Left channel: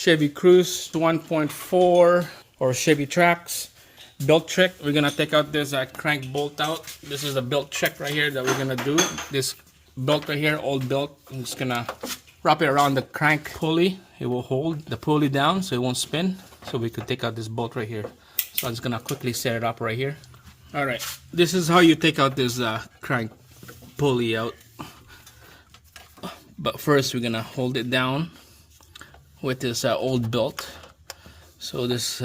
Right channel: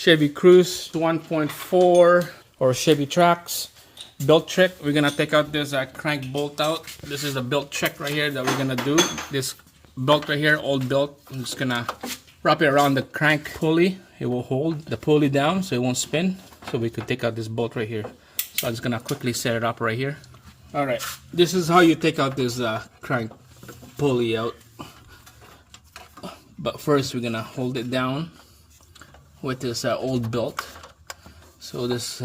Chevy Cruise 1.4 or Chevy Trax. Belt trick, we're gonna take out this crank bolt out. This is a belt check right here that we're gonna do. This belt right here, old belt, I'm just gonna wrap it around the crank pulley. It will hold the pulley down so it won't spin. So we could take out this bolt right here. So I'm just gonna quickly set it up right here. All right, this is how you take out this crank pulley out. But first we're gonna hold it down with this old belt. So this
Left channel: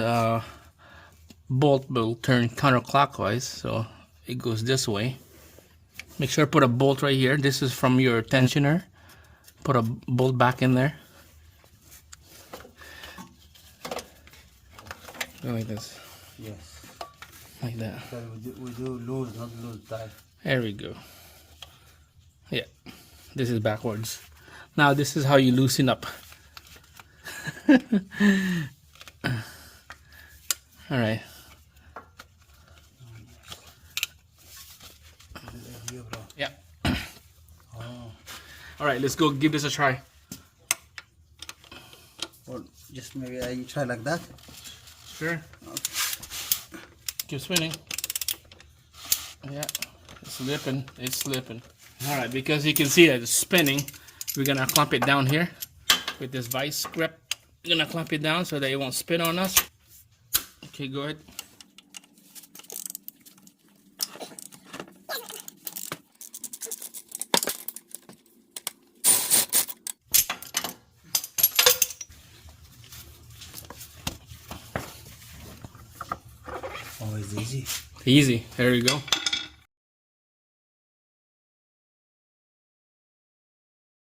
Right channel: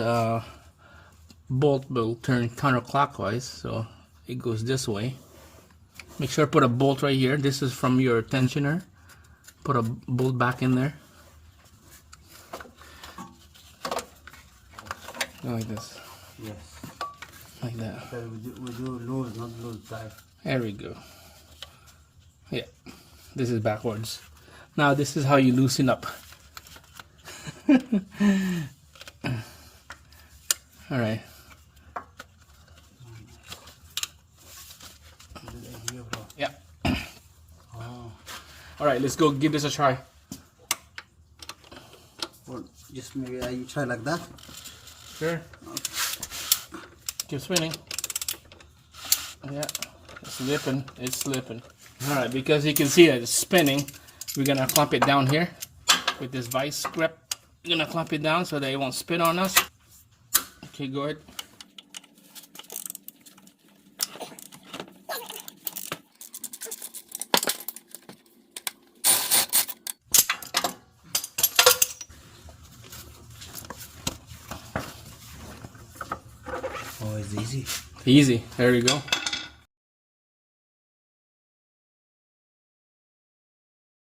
bolt will turn counterclockwise, so it goes this way. Make sure to put a bolt right here. This is from your tensioner. Put a bolt back in there. Go like this. Yes. Like that. We do loose, not loose tight. There we go. Yeah, this is backwards. Now this is how you loosen up. All right. Yeah. All right, let's go give this a try. Or just maybe you try like that. Sure. Keep spinning. Yeah, it's slipping. It's slipping. All right, because you can see that it's spinning, we're gonna clamp it down here with this vice grip. We're gonna clamp it down so that it won't spin on us. Okay, go ahead. Oh, it's easy. Easy. There you go.